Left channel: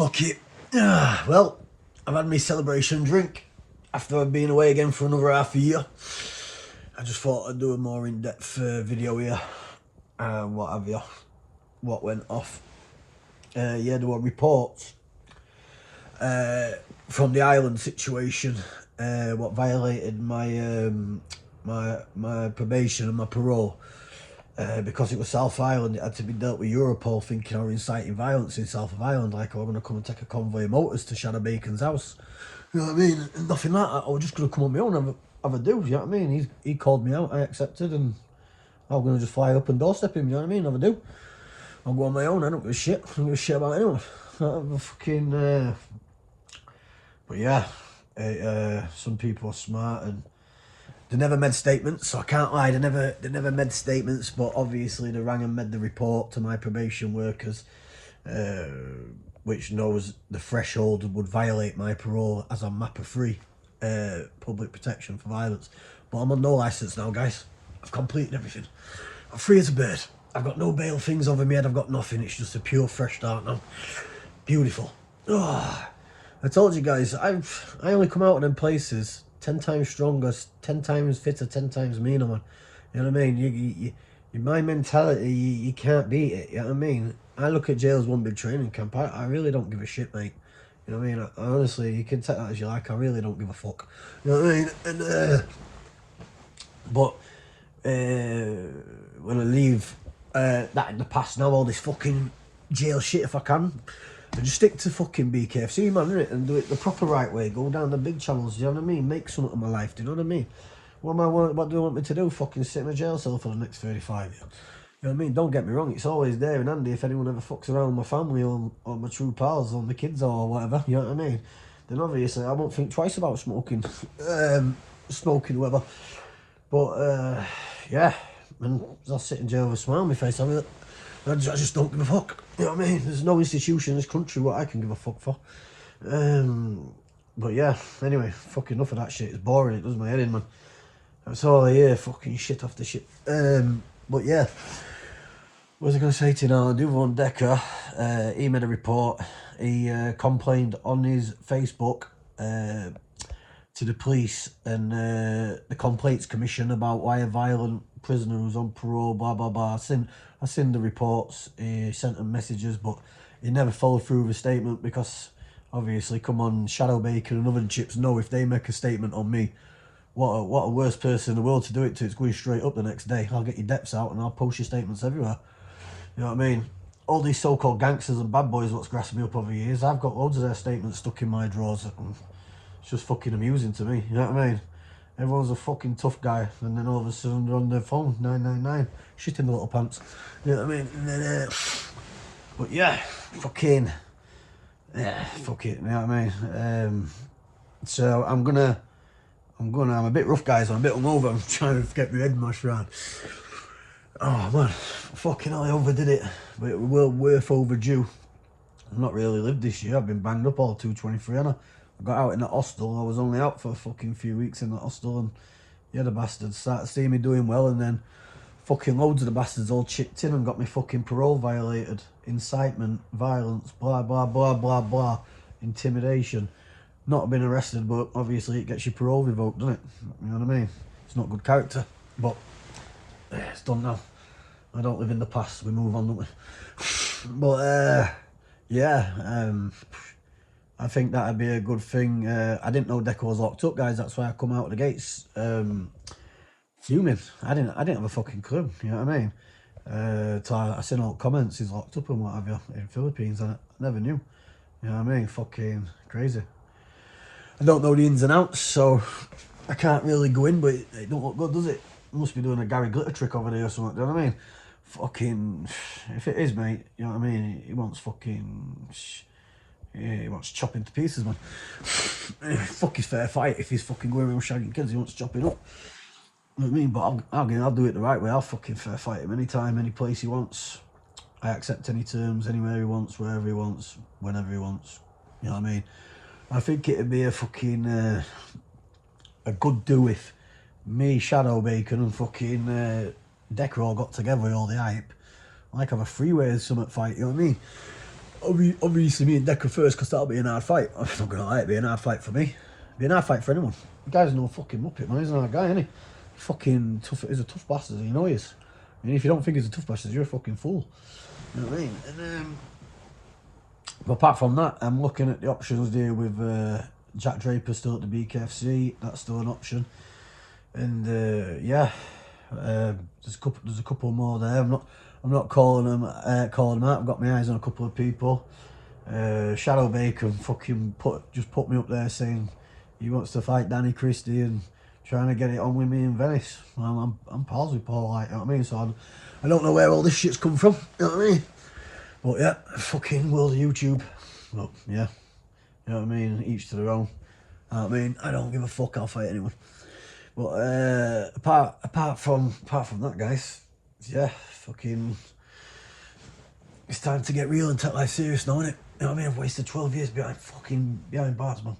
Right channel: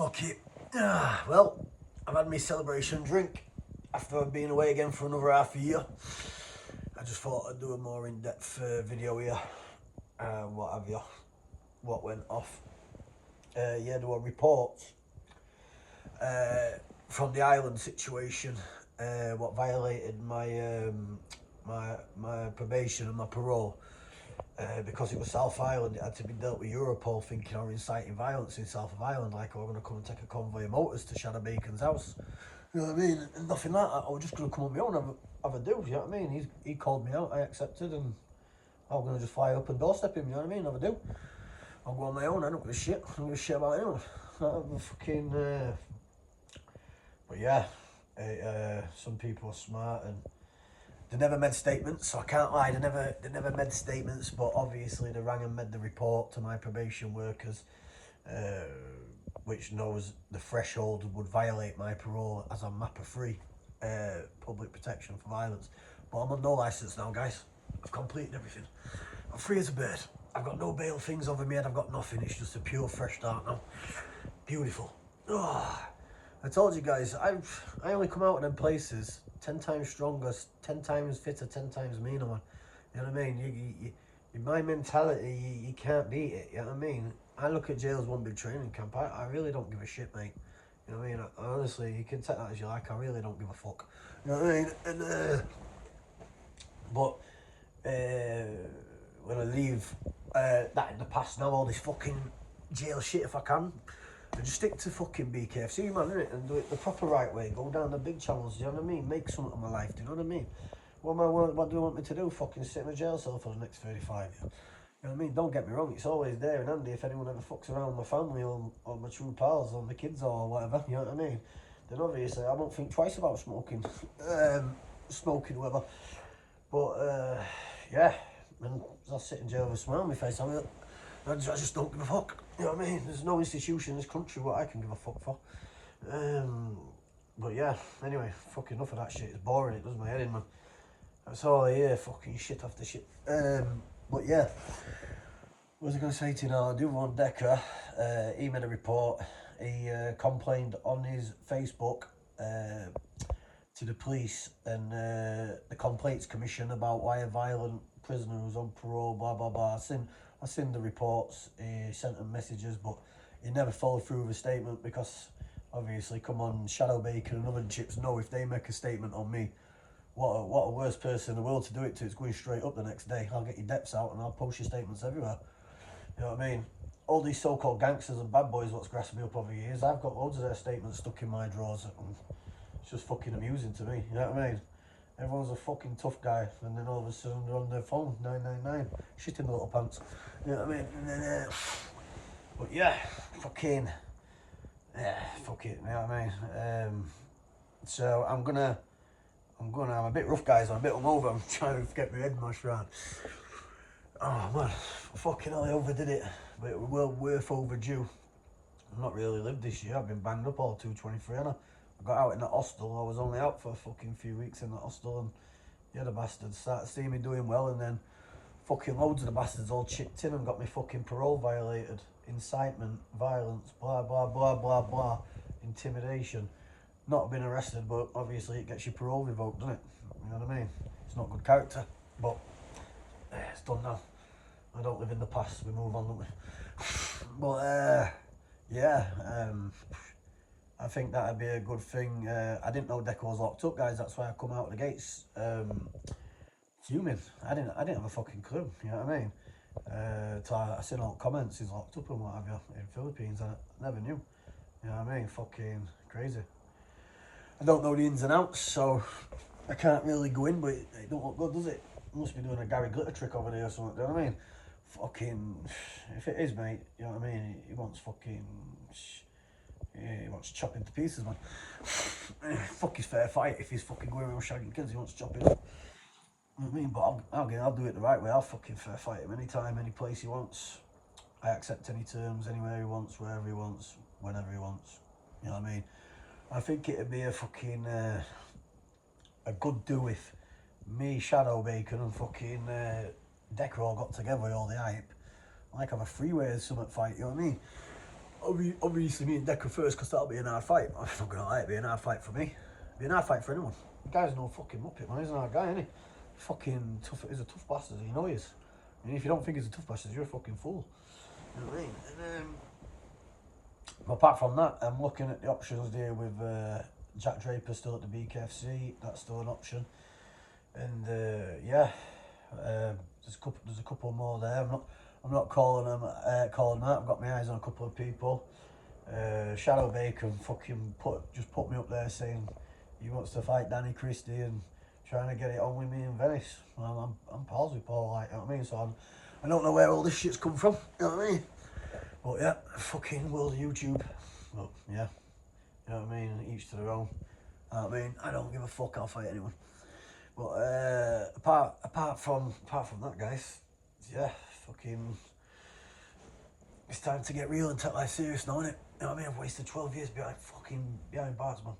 fuck it. Well, I've had my celebration drink after I've been away again for another half a year. I just thought I'd do a more in-depth video here. What have you? What went off? Yeah, there were reports from the island situation, what violated my my probation and my parole. Because it was South Island, it had to be dealt with Europol, thinking I was inciting violence in South of Ireland, like I was going to come and take a convoy of motors to Shadow Bacon's house. You know what I mean? And nothing like that. I was just going to come on my own and have a do, you know what I mean? He called me out, I accepted, and I was going to just fly up and doorstep him, you know what I mean? Have a do. I'll go on my own, I don't give a shit. I don't give a shit about anyone. Fucking, but yeah, some people are smart and they never made statements, so I can't lie, they never made statements, but obviously they rang and made the report to my probation workers, which knows the threshold would violate my parole as I'm MAPA free, public protection for violence. But I'm on no licence now, guys. I've completed everything. I'm free as a bird. I've got no bail things over my head, I've got nothing, it's just a pure fresh start now. Beautiful. Oh, I told you guys, I only come out of them places 10 times stronger, 10 times fitter, 10 times meaner, man. You know what I mean? My mentality, you can't beat it, you know what I mean? I look at jail as one big training camp. I really don't give a shit, mate. You know what I mean? I honestly, you can take that as you like, I really don't give a fuck. You know what I mean? And, but when I leave that in the past now, all this fucking jail shit, if I can, I just stick to fucking BKFC, man, innit? And do it the proper right way. Go down the big channels, you know what I mean? Make something of my life, do you know what I mean? What do you want me to do? Fucking sit in a jail cell for the next 35 years? You know what I mean? Don't get me wrong, it's always there and handy if anyone ever fucks around with my family or my true pals or my kids or whatever, you know what I mean? Then obviously I won't think twice about smoking, whatever. But, yeah, and I'll sit in jail with a smile on my face. I just don't give a fuck. You know what I mean? There's no institution in this country what I can give a fuck for. But yeah, anyway, fucking enough of that shit. It's boring, it does my head in, man. That's all I hear, fucking shit after shit. But yeah, what was I going to say to you now? The other one, Decker, he made a report. He complained on his Facebook to the police and the Complaints Commission about why a violent prisoner was on parole, blah blah blah. I seen the reports, he sent them messages, but he never followed through with a statement because obviously, come on, Shadow Bacon and other chips know if they make a statement on me, what a worse person in the world to do it to. It's going straight up the next day. I'll get your depths out and I'll post your statements everywhere. You know what I mean? All these so-called gangsters and bad boys what's grasped me up over years, I've got loads of their statements stuck in my drawers. It's just fucking amusing to me, you know what I mean? Everyone's a fucking tough guy, and then all of a sudden they're on their phone, 999, shit in the little pants, you know what I mean? And then, but yeah, fucking, yeah, fuck it, you know what I mean? So I'm a bit rough, guys, I'm a bit hungover, I'm trying to get my head mashed around. Oh man, fucking hell, I overdid it, but it was well worth overdue. I've not really lived this year, I've been banged up all 223, haven't I? I got out in the hostel, I was only out for a fucking few weeks in the hostel, and yeah, the bastards started seeing me doing well, and then fucking loads of the bastards all chipped in and got me fucking parole violated, incitement, violence, blah blah blah blah blah, intimidation. Not been arrested, but obviously it gets your parole revoked, doesn't it? You know what I mean? It's not good character, but it's done now. I don't live in the past, we move on, don't we? But yeah, I think that'd be a good thing. I didn't know Deco was locked up, guys. That's why I come out of the gates fuming. I didn't have a fucking clue. You know what I mean? So I seen all the comments. He's locked up and what have you in Philippines. I never knew. You know what I mean? Fucking crazy. I don't know the ins and outs, so I can't really go in. But it don't look good, does it? Must be doing a Gary Glitter trick over there or something. Do you know what I mean? Fucking, if it is, mate. You know what I mean? He wants fucking. Yeah, he wants chopping to pieces, man. Fuck his fair fight if he's fucking going around shagging kids, he wants to chop it up. You know what I mean? But I'll do it the right way. I'll fucking fair fight him anytime, any place he wants. I accept any terms, anywhere he wants, wherever he wants, whenever he wants. You know what I mean? I think it'd be a fucking a good do if me, Shadow Bacon, and fucking Decker all got together with all the hype. Like have a freeway summit fight, you know what I mean? obviously me and Decker first, because that'll be an hard fight. I'm not gonna lie, it'll be an hard fight for me. It'll be an hard fight for anyone. The guy's no fucking muppet, man. He's an hard guy, isn't he? Fucking tough. He's a tough bastard. You know he is. And if you don't think he's a tough bastard, you're a fucking fool. You know what I mean? And but apart from that, I'm looking at the options there with Jack Draper still at the BKFC. That's still an option. And yeah, there's a couple more there. I'm not calling them out. I've got my eyes on a couple of people. Shadow Bacon fucking just put me up there saying he wants to fight Danny Christie and trying to get it on with me in Venice. I'm pals with Paul, like, you know what I mean? So I don't know where all this shit's come from, you know what I mean? But yeah, fucking world of YouTube. But yeah, you know what I mean? Each to their own. You know what I mean? I don't give a fuck, I'll fight anyone. But apart from that, guys, yeah, fucking, it's time to get real and take life serious now, innit? You know what I mean? I've wasted 12 years behind bars, man.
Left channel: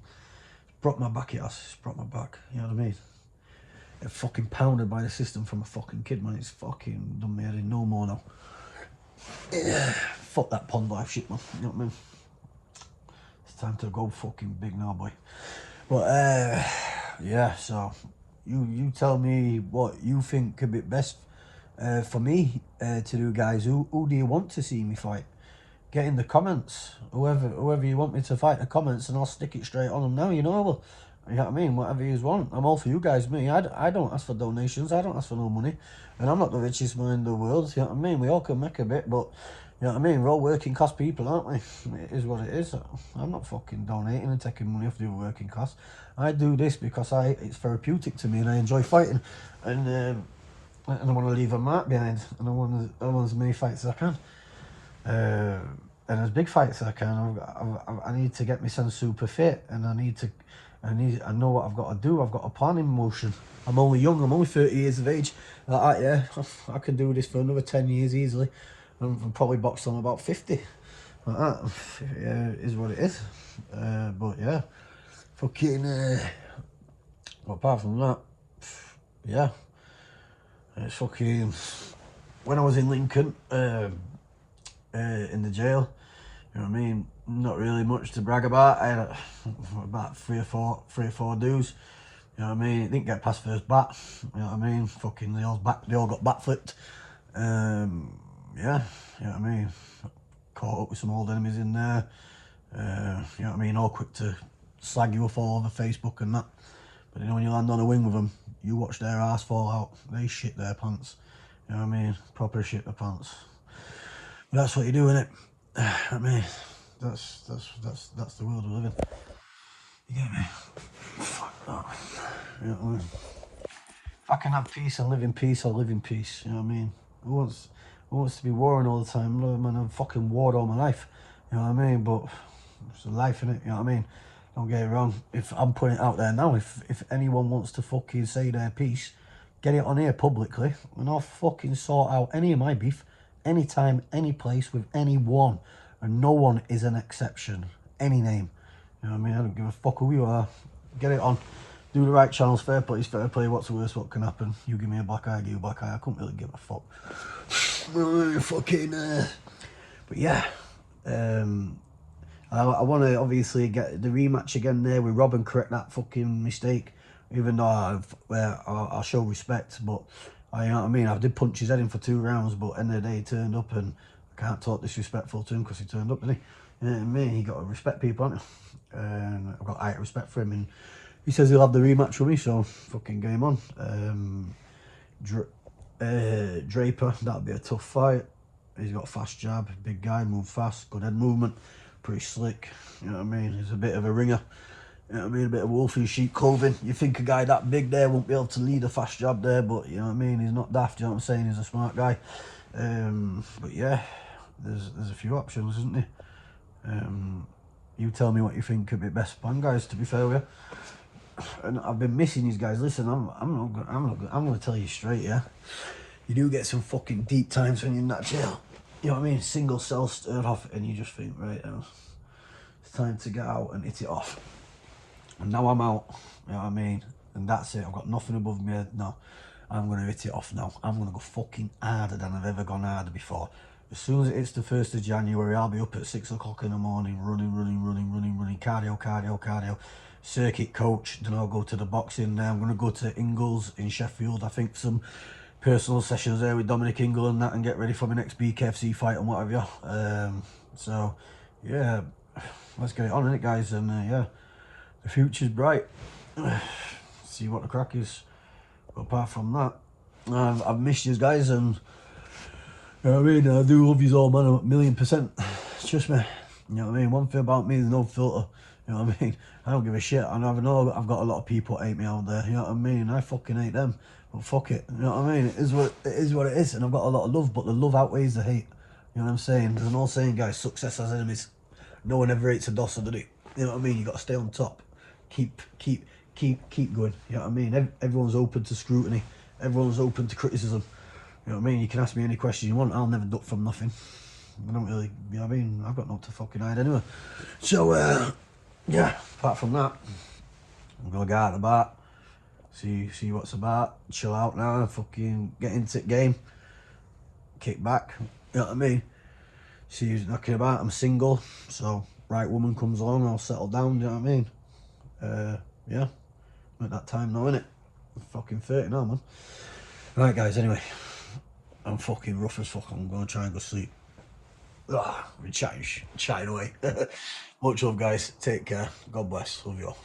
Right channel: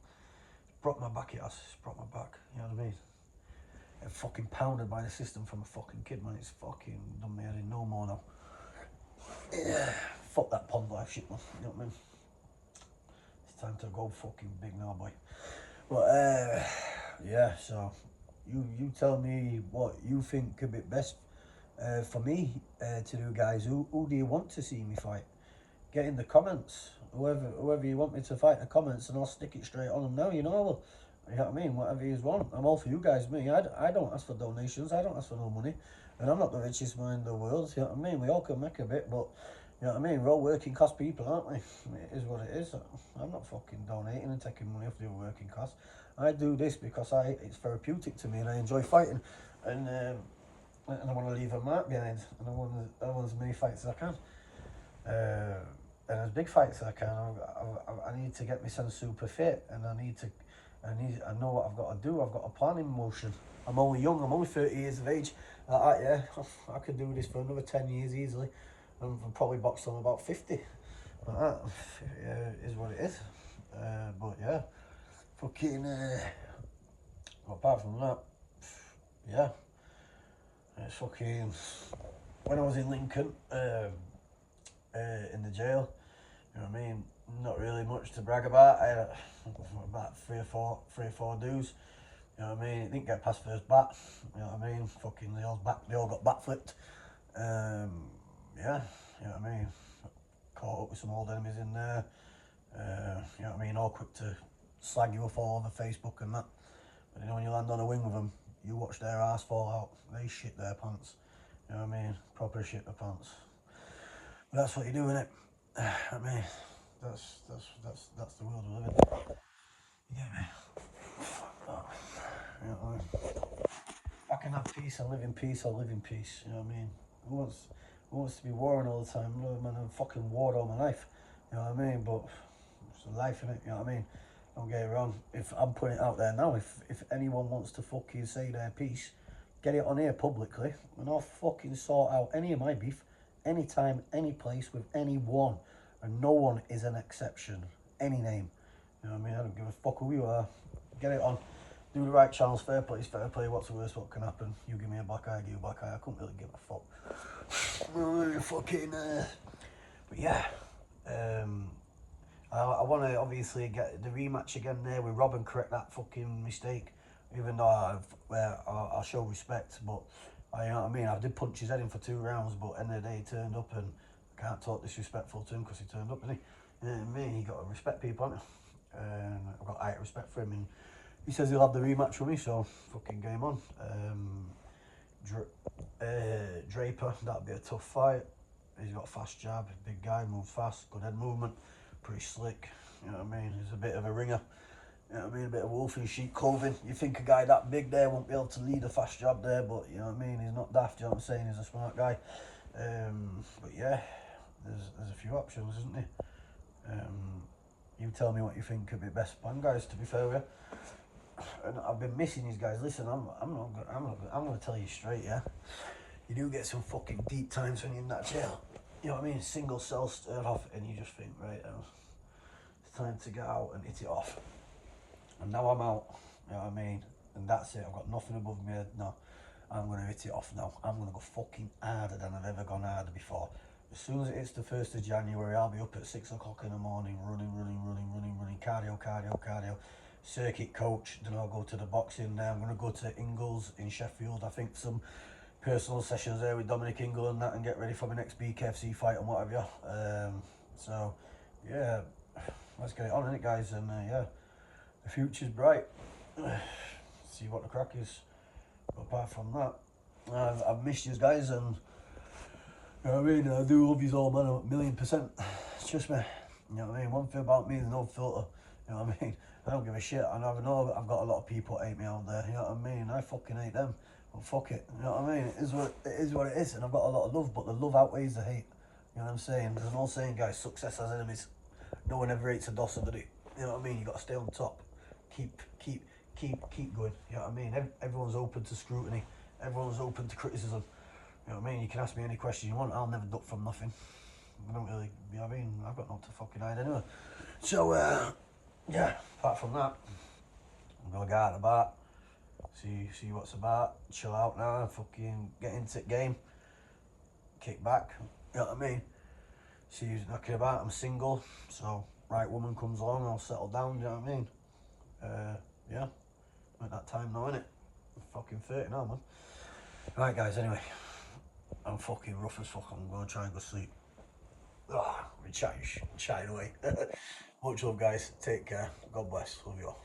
It's brought my back, it's brought my back, you know what I mean? I'm fucking pounded by the system from a fucking kid, man. It's fucking done me head in no more now. Yeah, fuck that pond life shit, man. You know what I mean? It's time to go fucking big now, boy. But yeah, so you tell me what you think could be best for me to do, guys. Who do you want to see me fight? Get in the comments. Whoever you want me to fight in the comments, and I'll stick it straight on them now. You know what I mean? Whatever you want. I'm all for you guys. Me, I don't ask for donations. I don't ask for no money. And I'm not the richest man in the world. You know what I mean? We all can make a bit, but you know what I mean? We're all working class people, aren't we? It is what it is. I'm not fucking donating and taking money off the working class. I do this because it's therapeutic to me and I enjoy fighting. And I want to leave a mark behind. And I want as many fights as I can. And as big fights as I can. I need to get myself super fit, and I know what I've got to do. I've got a plan in motion. I'm only young. I'm only 30 years of age. Like, yeah, I can do this for another 10 years easily. I'm probably boxed on about 50. Like that. Yeah, it is what it is. But yeah, fucking. But apart from that, yeah, it's fucking. When I was in Lincoln, in the jail, you know what I mean? Not really much to brag about. I had about three or four dudes. You know what I mean? It didn't get past first bat. You know what I mean? Fucking they all got bat flipped. Yeah, you know what I mean? Caught up with some old enemies in there. You know what I mean? All quick to slag you off all over Facebook and that. But you know, when you land on a wing with them, you watch their ass fall out. They shit their pants. You know what I mean? Proper shit their pants. But that's what you do, innit? I mean, that's the world we live in. You get me? Fuck that. You know what I mean? If I can have peace and live in peace, I'll live in peace. You know what I mean? Who wants to be warring all the time? No, man, I've fucking warred all my life. You know what I mean? But it's a life, innit? You know what I mean? Don't get it wrong. If I'm putting it out there now, if anyone wants to fucking say their piece, get it on here publicly, and I'll fucking sort out any of my beef, anytime, any place, with anyone. And no one is an exception. Any name. You know what I mean? I don't give a fuck who you are. Get it on. Do the right channels. Fair play is fair play. What's the worst what can happen? You give me a black eye, I give you a black eye. I couldn't really give a fuck. Fucking but yeah, I want to obviously get the rematch again there with Rob and correct that fucking mistake, even though I'll show respect, but you know what I mean, I did punch his head in for 2 rounds, but end of the day he turned up, and I can't talk disrespectful to him because he turned up, didn't he? You know what I mean? He got to respect people, haven't he? I've got high respect for him, and he says he'll have the rematch with me, so fucking game on. Draper, that'll be a tough fight. He's got a fast jab, big guy, move fast, good head movement, pretty slick. You know what I mean? He's a bit of a ringer. You know what I mean? A bit of wolf in sheep clothing. You think a guy that big there won't be able to lead a fast jab there, but you know what I mean? He's not daft, you know what I'm saying? He's a smart guy. But yeah, there's a few options, isn't there? You tell me what you think could be best plan, guys, to be fair with you. And I've been missing these guys. Listen, I'm gonna tell you straight, yeah. You do get some fucking deep times when you're in that jail. You know what I mean? Single cell stirred off, and you just think, right, it's time to get out and hit it off. And now I'm out, you know what I mean? And that's it. I've got nothing above me head now. I'm gonna hit it off now. I'm gonna go fucking harder than I've ever gone harder before. As soon as it hits the 1st of January, I'll be up at 6 o'clock in the morning, running, cardio, circuit coach. Then I'll go to the boxing. Now I'm going to go to Ingles in Sheffield. I think some personal sessions there with Dominic Ingle and that, and get ready for my next BKFC fight and what have you. So, yeah, let's get it on, innit, guys? And yeah, the future's bright. See what the crack is. But apart from that, I've missed you guys, and you know what I mean? I do love you all, man, 1,000,000%. Trust me. You know what I mean? One thing about me, there's no filter. You know what I mean? I don't give a shit. I know I've got a lot of people hate me out there. You know what I mean? I fucking hate them. But fuck it. You know what I mean? It is what it is. And I've got a lot of love, but the love outweighs the hate. You know what I'm saying? There's an old saying, guys, success has enemies. No one ever hates a dosser, did it? You know what I mean? You got to stay on top. Keep going. You know what I mean? Everyone's open to scrutiny. Everyone's open to criticism. You know what I mean? You can ask me any question you want. I'll never duck from nothing. I don't really, you know what I mean? I've got no to fucking hide anyway. So, yeah, apart from that, I'm going to go out and about, see what's about, chill out now, fucking get into the game, kick back, you know what I mean? See who's knocking about. I'm single, so right woman comes along, I'll settle down, you know what I mean? Yeah, I'm at that time now, innit? I'm fucking 30 now, man. Right, guys, anyway, I'm fucking rough as fuck. I'm going to try and go sleep. We're chatting away. Much love, guys. Take care. God bless. Love you all.